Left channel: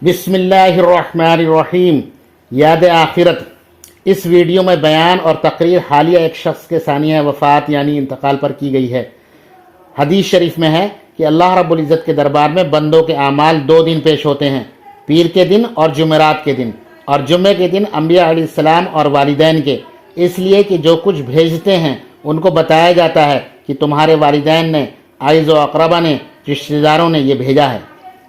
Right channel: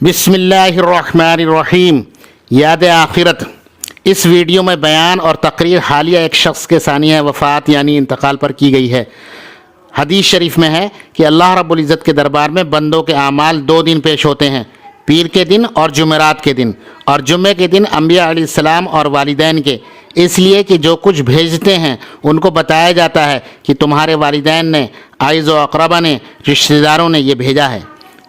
بسم اللہ الرحمن الرحیم۔ یاد آخرت۔ اس ویڈیو میں بیان اور تقریر حالیہ ایک شخص کے ثانیہ وفات یعنی انتقال پر کی گئی ہے۔ حدیث شریف میں ہے کہ اللہ رب العزت کے دربار میں بندوں کے اعمال 2 دن پیش ہوتے ہیں، پیر کے دن اور جمعرات کے دن، اور جمعے کے دن انبیاء علیہ السلام اور والدین کے، اس لیے کہ جو کچھ بھیجتے ہیں ان کو بتایا جاتا ہے کہ تمہارے والدین نے، عائز و اقربا نے، رشتہ داروں نے یہ بھیجا ہے،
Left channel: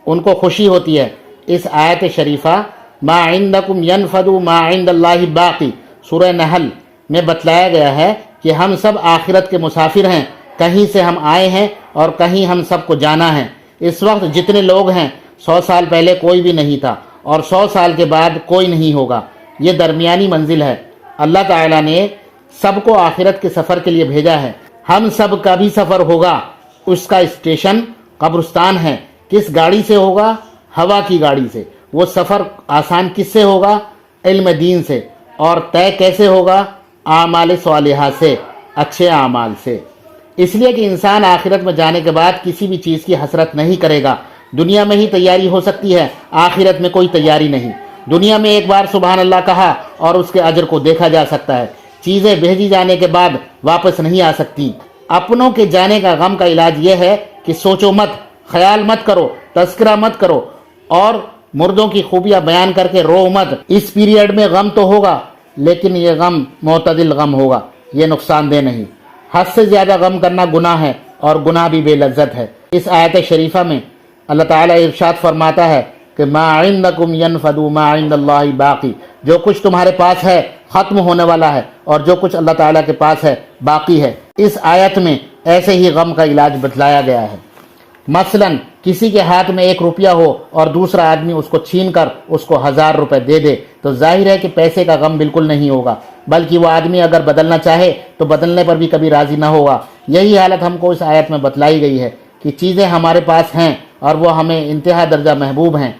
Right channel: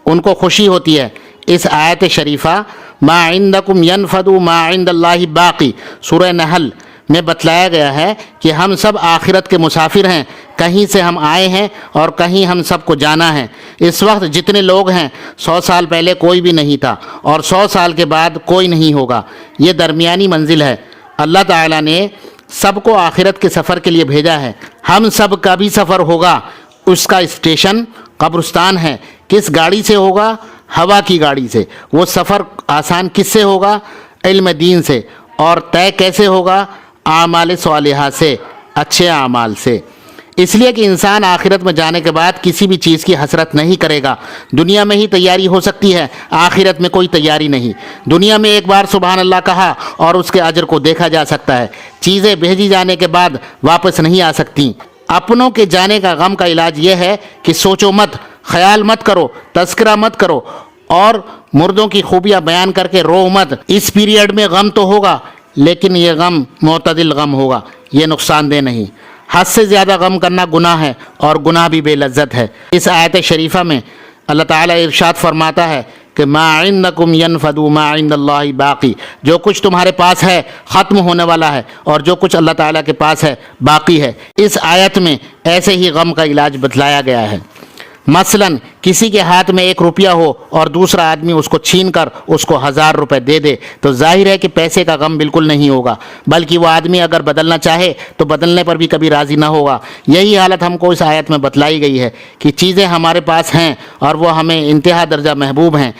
ان کو خوشی ہوتی ہے۔ اس آیت شریفہ ما عندکم ینفد ما عند اللہ باقی سورہ نحل میں بتلایا گیا ہے کہ ہم سب آخرت کے مسافر ہیں، کہیں سے ہم آئے ہیں اور کہیں ہم سب کو جانا ہے۔ اس وقت جتنے لوگ ہیں 100 سال پہلے کوئی بھی نہیں تھا اور 100 سال کے بعد کوئی نہیں ہوگا، یہ درمیانی منزل ہے۔ اللہ تعالیٰ نے سب کو آخرت کے سفر کے لیے بھیجا ہے، ہم سب کا بھی سفر ہوگا، اس کا اسٹیشن قبرستان ہے۔ کس گاڑی سے ہوگا؟ ہوا کی گاڑی سے۔ وہ سفر آسان کس سے ہوگا؟ علم دین سے۔ اور طے کیسے ہوگا؟ اعمال صالحہ سے، اچھے اعمال سے۔ اس لیے کہ انسان آخرت میں جانے کے بعد کسی بھی چیز کی حسرت نہیں کرے گا۔ دنیا میں ہی تیاری ہو سکتی ہے، آخرت میں کوئی تیاری نہیں۔ دنیا میں ایک بار سبحان اللہ کہا اور اس کے اجر کو دیکھا جا سکتا ہے، چیزیں بھیجی جانے کے بعد واپس نہیں آ سکتی۔ اپنوں کے جانے کا غم کا علاج یہ ہے کہ سوچو مت، خیال مت کرو، تذکرہ مت کرو اور مردوں کی خوبیاں بیان کر کے رو مت۔ اس پیریڈ میں غم تو ہوگا لیکن یہ غم معتدل غم ہوگا، یہ نقصان دہ نہیں۔ حد سے زیادہ غم کرنا گناہ ہے اور گناہ بھی بے لذت ہے۔ اس آیت شریفہ میں اللہ تعالیٰ ارشاد فرماتا ہے کہ ما عندکم ینفد ما عند اللہ باقی، جو کچھ تمہارے پاس ہے ختم ہونے والا ہے اور جو کچھ اللہ تعالیٰ کے پاس ہے باقی ہے۔ اس آیت میں ایسے ہی غم کا علاج بتلایا گیا ہے۔ مثلا کسی کے ہاتھ میں 1 روپیہ ہو اور دوسرا آدمی اس کو چھین کر اس کو 1000 روپے دے دے تو ظاہر ہے کہ پیسے کا غم بالکل نہیں ہوگا، بلکہ وہ آدمی اگر بدلنا چاہے تو بدلنے پر بھی کبھی راضی نہ ہوگا۔ یہی حالت ہم کو اس آیت میں بتلائی گئی ہے کہ چیزیں ہمارے پاس ہیں اور وہ ہمیں انتہا درجہ محبوب ہیں،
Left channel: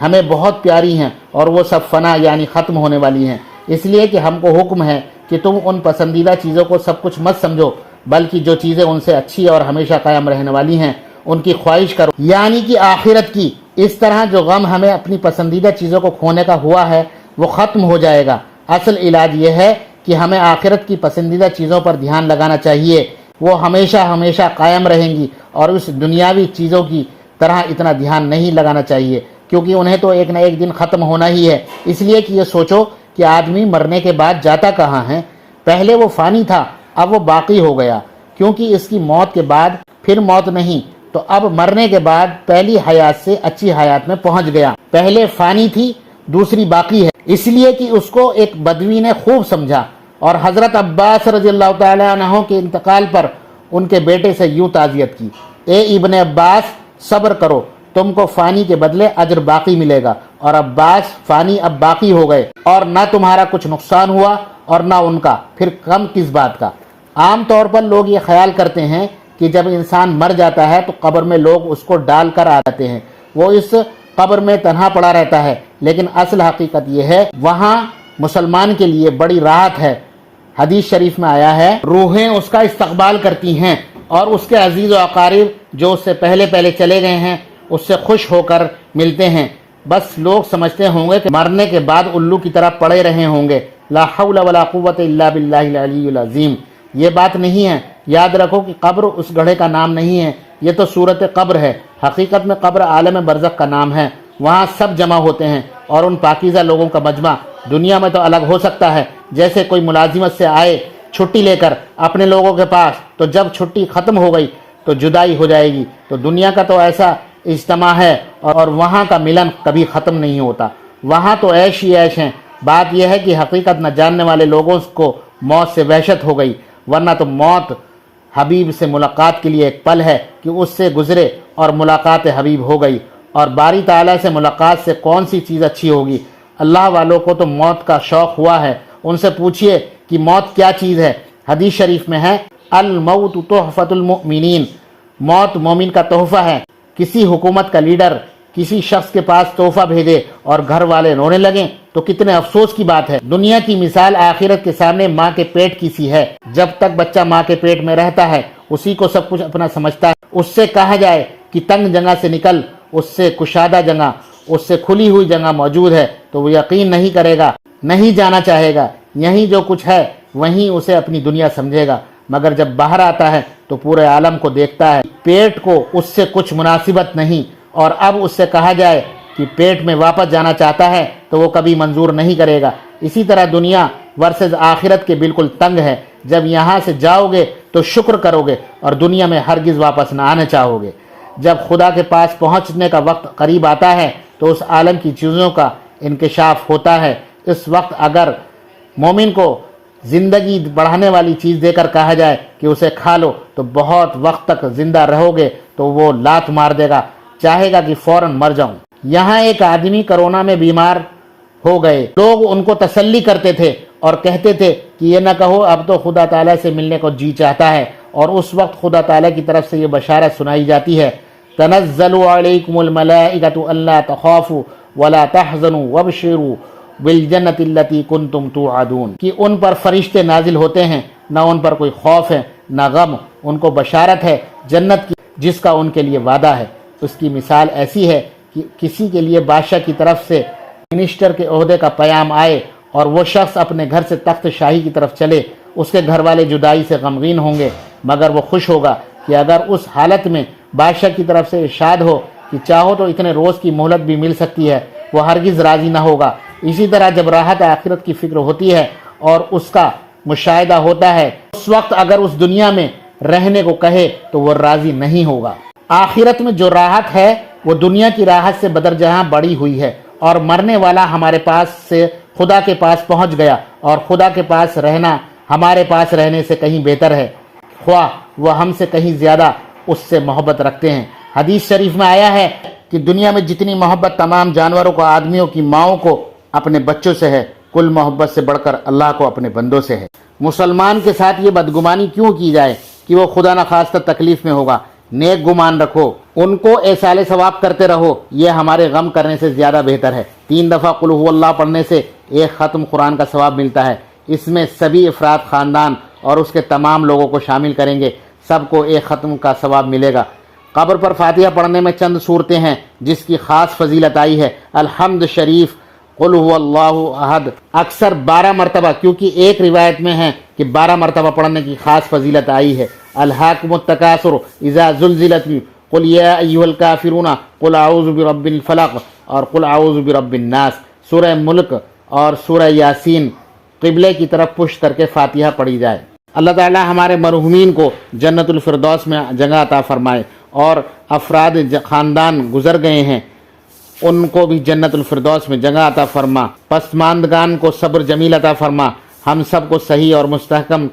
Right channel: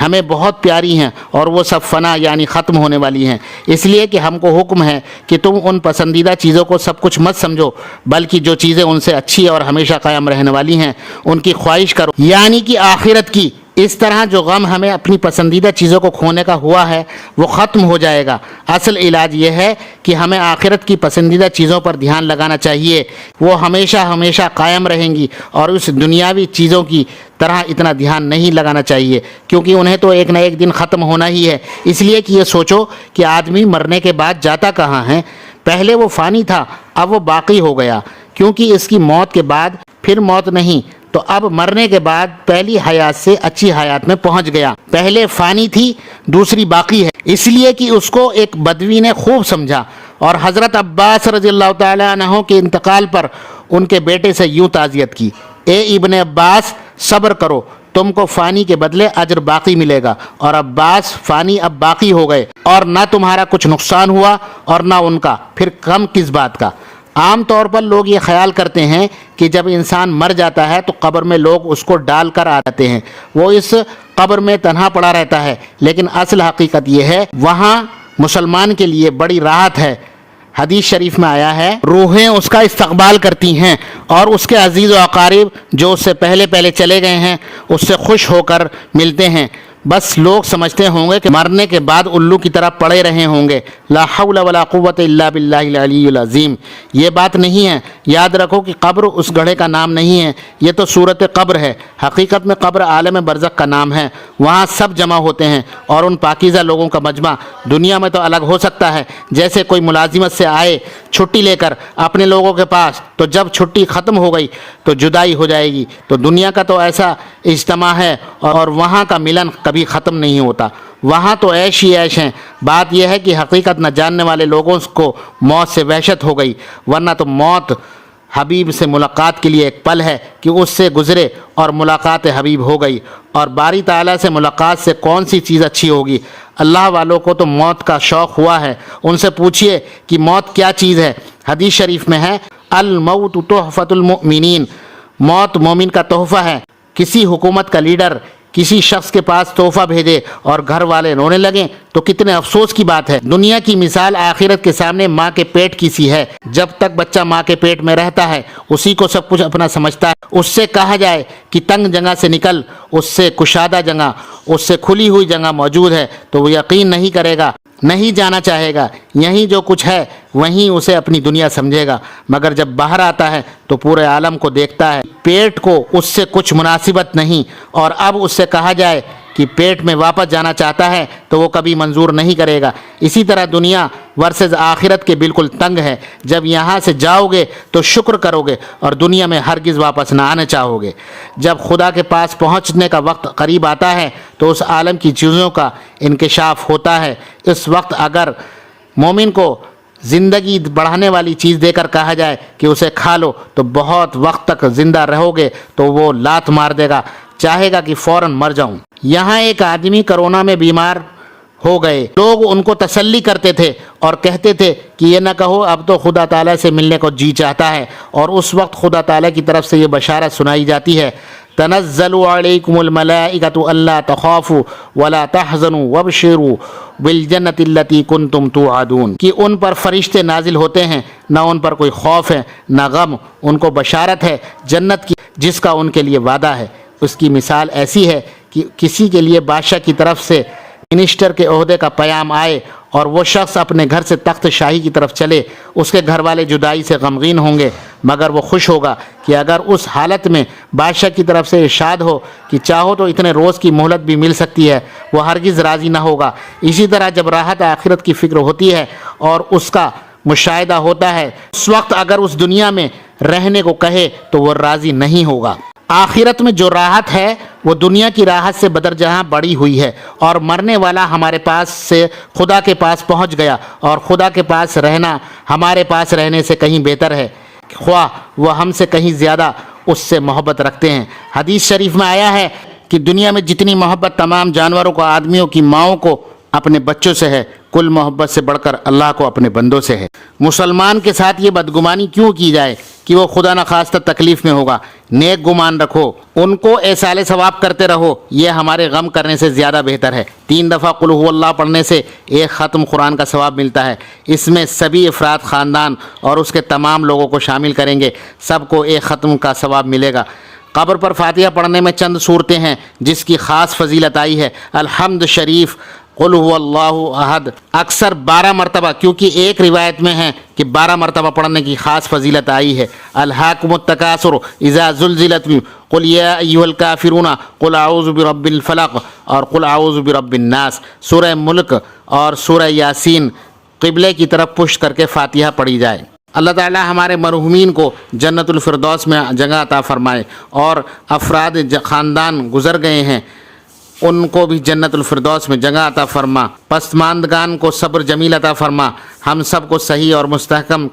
ہمیں بہت پیاری ہیں اور وہ سب فنا یعنی ختم ہونے والی ہیں۔ اس لیے کہ ہم کو حکم ہے کہ تم ان پسندیدہ چیزوں کو سب کچھ مت سمجھو، بلکہ جو چیزیں ان سے اچھی اور ہمیشہ قائم رہنے والی ہیں ان کی خواہش کرو، یعنی کہ آخرت کی۔ اس طرح جو غم ہمیں اپنی پسندیدہ چیزوں کو کھونے کا ہوا ہے وہ ختم ہو جائے گا۔ اصل علاج یہ ہے کہ ہمیں آخرت کی پسندیدہ چیزوں پر دھیان لگانا چاہیے، وہ ہمیشہ ہمیشہ قائم رہیں گی، اور اس دنیاوی چیزوں کی طرح اتنا دھیان نہیں لگانا چاہیے کیونکہ انہیں تو ایک نہ ایک دن ختم ہونا ہی ہے۔ اس لیے کہ یہ سوچو کہ آدمی مرنے کے بعد جاتا کہاں ہے؟ پہلے وہ فانی تھا، اب وہ باقی ہو گیا، کیونکہ اس کی موت کے بعد پھر موت نہیں، تو اب مرنے کے بعد پہلی حیات سے اچھی حیات میں پہنچ گیا۔ پہلے فانی تھی، دوسری باقی ہے۔ اس لیے کہ اس کو ایک بدوی نے خوب سمجھا اور حضرت عباس رضی اللہ تعالیٰ عنہ کے انتقال پر ان کے بیٹے سے یوں تعزیت کی، اے ابن عباس صبر کرو، تم کو فانی کے بدلے اجر باقی ملے گا۔ اور عباس فانی اب باقی ہو گئے اور نہ تمہارا کچھ نقصان ہوا اور نہ ان کا، پھر غم کس بات کا؟ عام طور پر لوگ یہ خیال کرتے ہیں کہ جب انسان مر جاتا ہے تو قبر میں لوگ اس کو ڈال کر آتے ہیں، وہ اس قبر میں تنہا پڑا رہتا ہے، لیکن اصل حقیقت یہ ہے وہاں مسلمان کے لیے بڑی راحت ہے۔ حدیث شریف میں آیا ہے روحیں اس کا استقبال کرتی ہیں اور اس کے عزیز و اقارب جو اس سے پہلے چلے گئے ہیں اس سے خوش ہو کر ملتے ہیں۔ بس لوگ سمجھتے ہوں گے کہ مرنے کے بعد الو کی طرح پڑے رہے ہوں گے۔ لا حول ولا قوت الا باللہ العلی العظیم۔ یہ بات نہیں ہے۔ یاد رکھو کہ قبر اس گڑھے کا نام نہیں ہے، یہ تو صورت قبر ہے۔ حقیقت میں قبر عالم برزخ کا نام ہے، وہاں سب جمع ہوتے ہیں اور ان پاکیزہ لوگوں کا مجمع۔ دنیا میں تو الگ ہو سکتا ہے، جیسے کوئی ملازمت سے آئے چھٹی لے کر اپنے لوگوں کے پاس، تو جب چھٹی ختم ہو گئی تو جدائی ہو جائے گی۔ تو دنیا کا تو ایسا اجتماع ہے اور وہاں کا ملن کبھی ختم نہیں ہوتا، وہاں تو عیش ہی عیش ہیں۔ بات یہ ہے کہ حقیقت نہ جاننے والے لوگوں کو موت سے وحشت ہو گئی، ورنہ تو موت حبیب سے ملاقات کے لیے ایک پل ہے کہ اس سے گزرے اور ملاقات حبیب ہو گئی۔ اور باری تعالیٰ سے ملاقات سے کون سی چیز اچھی ہوگی؟ اللہ والوں کو تو موت کا شوق ہوا ہے، ان سے پوچھئے کہ موت کیا چیز ہے۔ حدیث شریف میں ہے الموت تحفۃ المؤمنین، موت مومن کا تحفہ ہے۔ کسی حکومت کا لیڈر کسی شخص کے پاس تحفہ بھیجے اور گھر والے رونے لگیں تو کتنے افسوس کی بات ہے۔ دنیا کی مثال آخرت کے سامنے ماں کے پیٹ کی سی ہے۔ جب تک بچہ ماں کے پیٹ میں رہتا ہے اسی کو سب کچھ اپنا سمجھتا ہے۔ اس سے کہا جائے کہ تنگ جگہ سے نکل، اس سے کشادہ جگہ، اس سے کھلی ہوئی جگہ موجود ہے تو وہ یقین نہیں کرے گا، نہیں جانا چاہے گا، یہیں جو کچھ ہے وہیں اسے اپنی دنیا سمجھے گا، مگر جب باہر آتا ہے تو پورے عالم کو دیکھتا ہے، پیٹ کو اس سے کچھ مناسبت نہیں، اور اب اس سے کہا جائے کہ پیٹ میں واپس جانا چاہتا ہے تو وہ کبھی منظور نہیں کرے گا۔ اسی طرح دنیا ورسز آخرت کے بالکل تنگ ہے، جب یہاں سے جاؤ گے تو شکر کرو گے اور دنیا میں ہرگز واپس نہ آنا چاہو گے۔ جب خدا کے پاس پہنچنے کا وقت قریب آتا ہے تو اس عالم کی چیزوں کا انکشاف ہوتا ہے۔ اس وقت اگر مومن کو زندگی بڑھانے والی چیز دے کر کہا جائے کہ اسے کھا لو تو بہت وقت تک زندہ رہو گے تو وہ لات مار دے گا، چاہے گا کہ فوراً مر جاؤں۔ یہاں ایک آدمی کرونا میں بیمار ہو گئے، لوگ ان کو تسلی کرتے تھے اور کہتے تھے کہ یہ نہ کہو اب تو خدا تعالیٰ سے ملنے کو جی چاہتا ہے، اور اس وقت خدا تعالیٰ کی طرف سے یہ بشارت سنائی جاتی ہے، تنزل علیکم الملائکۃ الا تخافوا ولا تحزنوا وابشروا بالجنۃ التی کنتم توعدون، کہ ان پر فرشتے نازل ہوتے ہیں، نہ ان پر کوئی خوف ہے نہ غم، ان کو بشارت ہے جنت کی جس کا ان کے لیے وعدہ ہے۔ اس کی مثال ایسی ہے کہ کسی کے لیے بادشاہ کی طرف سے منسٹر کے عہدے کا پیام آئے اور وہ شخص اپنے گھر سے تخت شاہی کی طرف چلے، اس کے گھر والے جدائی سے غمگین ہوں گے، مگر وہ خوش ہوگا کہ اگر اس حالت میں بادشاہ کی طرف سے ارشاد ہو کہ چاہو تو اتنے روز کی مہلت بھی مل سکتی ہے، وہ ہرگز راضی نہ ہوگا۔ اسی طرح جب راحت آخرت کی فکر ہوتی ہے اور اس کا مشاہدہ ہوتا ہے، اس وقت اگر اس دنیا میں رہنے کو کہے تو وہ راضی نہیں ہوگا۔ آخرت میں جو راحت ہے وہ دنیا کی راحت سے بدرجہ بڑی ہوئی ہے، اور مرنے والا ہمارے پاس سے خدا کے پاس پہنچ گیا، اور خدا کے پاس رہنا ہمارے پاس رہنے سے کہیں بہتر ہے، خواہ وہ ہم سے کہیں زیادہ اس سے محبت رکھتے ہیں۔ حدیث شریف میں آیا ہے کہ دنیا میں جتنی محبت تمام جانوروں کو، آدمیوں کی ماؤں کو اپنے بچوں سے ہے، کل محبت سے بڑھ کر اللہ کو اپنے بندوں سے ہے۔ مسلمان کے ساتھ یہ بدگمانی کیوں کی جائے کہ وہ خدا نخواستہ تکلیف میں ہوگا؟ نیک گمان رکھو، ان کو ایصال ثواب کرتے رہو، یہ ہمارے غم کرنے سے زیادہ بہتر ہے۔ 3 دفعہ قل هو اللہ پڑھنے سے 1 ختم قرآن کا ثواب ملتا ہے۔ اس میں سبھی افراد، خاندان اور اس کے تمام لوگوں کو شامل کریں گے، سب کو 1 ختم کا ثواب ملے گا۔ قبر پر فاتحہ پڑھنے میں چند صورتیں ہیں جس کی خاص فضیلت آئی ہے۔ الحمد شریف، قل هو اللہ احد اکثر 12 مرتبہ، کیونکہ ایک روایت میں ہے کہ 12 مرتبہ پڑھنے کی خاص فضیلت آئی ہے۔ الہاکم التکاثر اذا زلزلت، قل یا ایھا الکافرون قل اعوذ برب الفلق اور قل اعوذ برب الناس۔ سورہ ملک اور سورہ یاسین قبلے کی طرف پشت کر کے فاتحہ پڑھی جائے۔ اللہ تعالی ہمارے مرحومین کو جنت الفردوس میں جگہ عطا فرمائے، اور افراد خاندان گزر گئے ہیں ان کو بھی جنت الفردوس میں جگہ عطا فرما۔ پسماندگان کو صبر جمیل عطا فرما، ہم سب کو صحیح اور مستحکم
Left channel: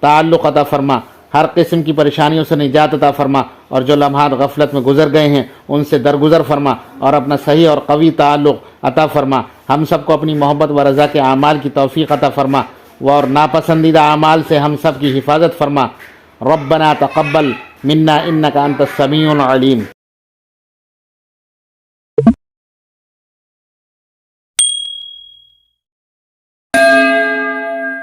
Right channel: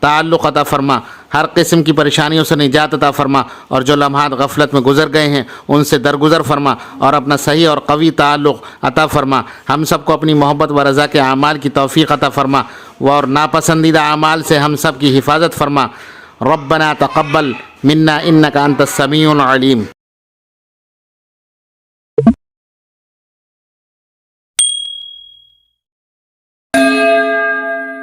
تعلق عطا فرما، ہر قسم کی پریشانیوں سے نجات عطا فرما، اور جو لمحات غفلت میں گزر گئے ہیں ان سے درگزر فرما اور اپنا صحیح اور قوی تعلق عطا فرما۔ ہم سب کو اپنی محبت و رضا کے اعمال کی توفیق عطا فرما، اور ناپسندیدہ اعمال سے ہم سب کی حفاظت فرما۔ ربنا تقبل منا انک انت السمیع العلیم۔